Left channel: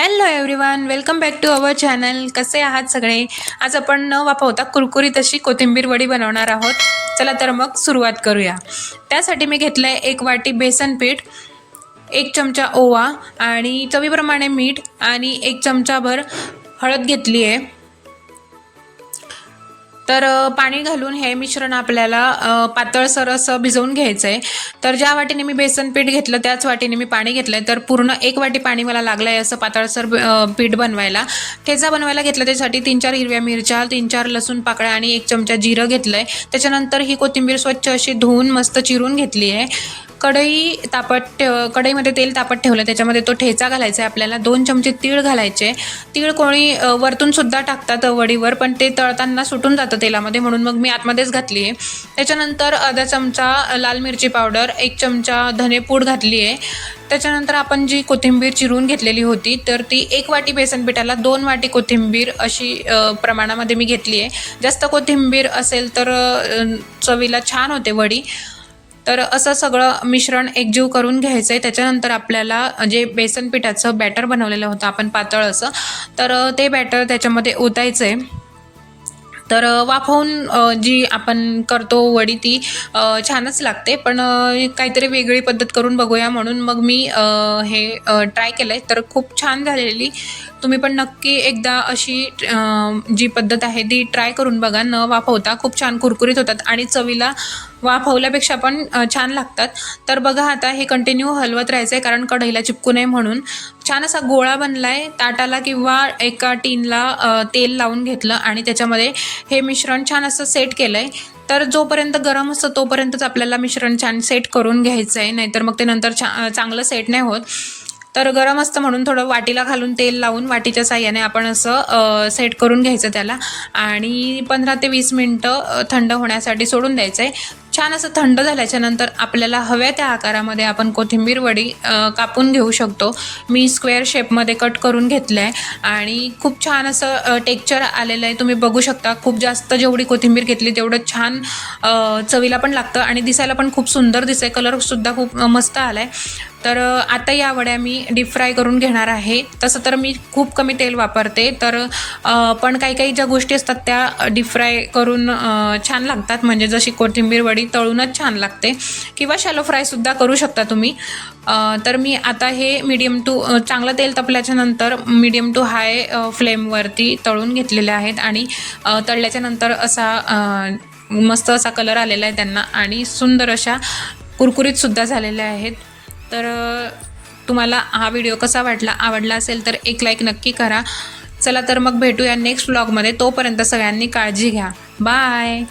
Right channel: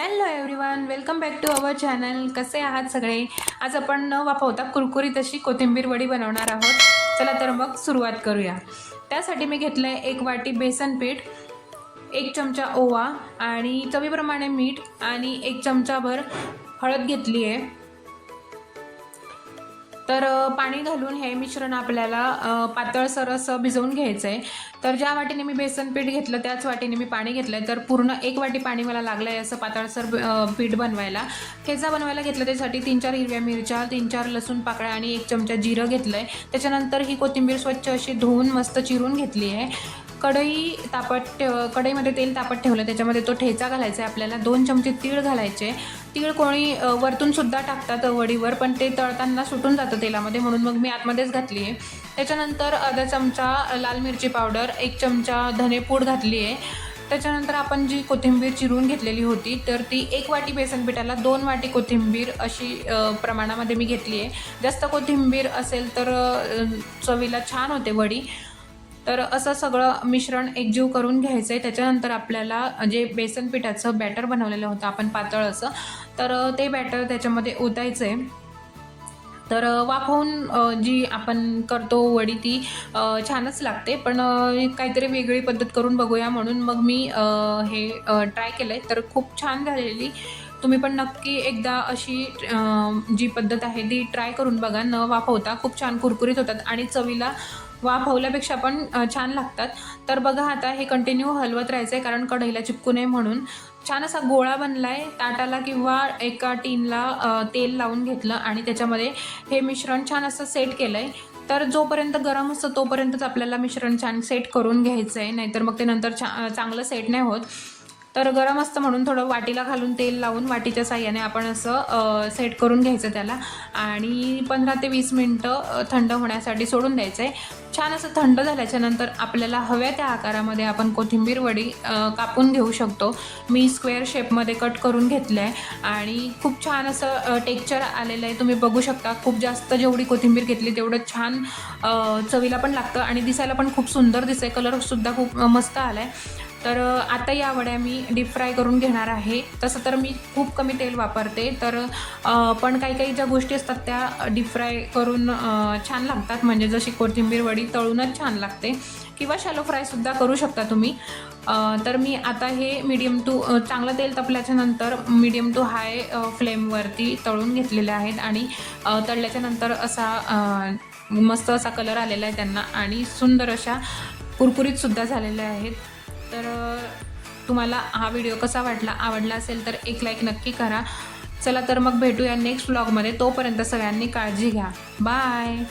Hello everyone welcome back to our channel कसे आहात सगळे? आज आपण न वापरता कुरकुरीत अशी कोथिंबीर वडी बनवणार आहोत. चला तर मग सुरुवात करूया. त्यासाठी मी घेतलं आहे एक वाटी बेसन पीठ एक चमचा ओवा आणि चवीप्रमाणे मीठ आणि एक चमचाभर हळद घेतली आहे तर पाणी घालून हे मिश्रण आपल्याला पातळसर असं भिजवून घ्यायचं आहे तर ज्या वाटीने मी बेसन पीठ घेतलं त्याच वाटीने मी पाणी घेतलं आहे तर पूर्ण एक वाटी पाणी मला लागलं आहे असं पातळसर पीठ बनवायला. ठेचा बनवायला घेतलं त्यासाठी तीन चार हिरव्या मिरच्या तीन चार लसूण पाकळ्या आणि एक चमचा जिरं घेतलं आहे त्याच्यानंतर ही कोथिंबीर स्वच्छ अशी धुवून मस्त चिरून घेतली आहे कढई तापत ठेव कढईमध्ये तेल तापत ठेवलं त्याच्यामध्ये तो ठेचा घालायचा आहे. आपल्याला दोन चमचे तीळ घालायचे तीळ कोणी वरतूनसुद्धा वरतून सुद्धा टाकतात वडीवर पण ते तळताना सुटून जातं तेलामध्ये. म्हणून मग मी आतमध्येच घातली आहे. त्याच्यानंतर अर्धा चमचा लाल मिरची पावडर एक चमचा धनेपूड घातली आहे. त्याच्यानंतर आपण जी कोथिंबीर चिरून घेतलेली होती तर ती एक वाटी बेसन पिठाला दोन वाटी कोथिंबीर अशी प्रमाणामध्ये मी घेतली आहे. जास्त कोथिंबीर असेल तर चवीला छान होते वडी. तर असं सगळं मिश्रण एकजीव करून घ्यायचं आहे त्याच्यानंतर आपल्याला जे बेसन पिठाचं बॅटर बनवलेलं होतं आपण पातळ असं तर ते बॅटर त्याच्यामध्ये ओतायचं आहे तर वाफवून जी आपण करतो वडी ती छानच लागते. पण काहीतरी वेगळी पद्धत करून बघूया म्हणून मग मी हे ट्राय केलं आहे तर खूप छान झालेली तुम्ही पण नक्की एकदा अशी जी पद्धत आहे ती ट्राय करून बघा. न वाफवता खूप छान कुरकुरीत होतात आणि चवीला वाफवल्यापेक्षा पण छान लागतात. तर बघा आता हे कंटिन्यू हलवत राहायचं आहे कारण कढईला चिपकू नये म्हणून. छान असा गोळा बनला आहे ताटाला किंवा एका टीनला तेल लावून घेतलं आणि त्याच्यामध्ये हे मिश्रण छान असं सेट केलं आहे तर जोपर्यंत गरम असतं तोपर्यंतच आपल्याला मिश्रण छान सेट करून घ्यायचं आहे नाहीतर मग ते नंतर छा चांगलं सेट नाही होत. तर गरम असतं म्हणून थोडं वाटीला घालून तेल लावून वाटीच्या साह्याने आपण असं सेट करून घ्यायचं त्याला. आणि पंधरा ते वीस मिनटं थंड होण्यासाठी सोडून द्यायचं आहे छान असं थंड झाल्याच्यानंतर आपल्याला हव्या त्या आकारामध्ये आपण कोथिंबीर वडी कापून घेऊ शकतो. मी स्क्वेअर शेपमध्ये कट करून घेतलं आहे आणि खूप छान असं टेक्चर आलेलं आहे. तुम्ही बघू शकता खूप जास्त जेवढी कोथिंबीर घेतली तेवढं छान चवीला पण लागतं आणि दिसायला पण खूप सुंदर दिसतं कलरसुद्धा खूप मस्त आला आहे तर आता या वड्या मी डीप फ्राय करून घेणार आहे. तसं तर मी खूप कमी तेल वापरते. तर पण काही काही ज्या गोष्टी असतात त्या डीप फ्राय करून छान लागतात. म्हणजे जशी कोथिंबीर वडी तळूनच छान लागते. किंवा शॅलो फ्रायसुद्धा करू शकता तुम्ही. तर मी आता हे मीडियम टू चांगलं तेल तपल्याच्या नंतर मीडियम टू हाय फ्लेमवरती तळून घेतलेले आहेत. आणि तळल्याच्या नंतर असा मस्त असा कलर आलेला आहे त्यांना. आणि सुंदर अशा कुरकुरीतसुद्धा झालेल्या आहेत. तर तुम्हाला हा व्हिडिओ कसा वाटला आवडला असेल तर एक लाईक नक्की करा. चला तर मग भेटूया नेक्स्ट व्लॉगमध्ये तोपर्यंत सगळ्यांनी काळजी घ्या. बाय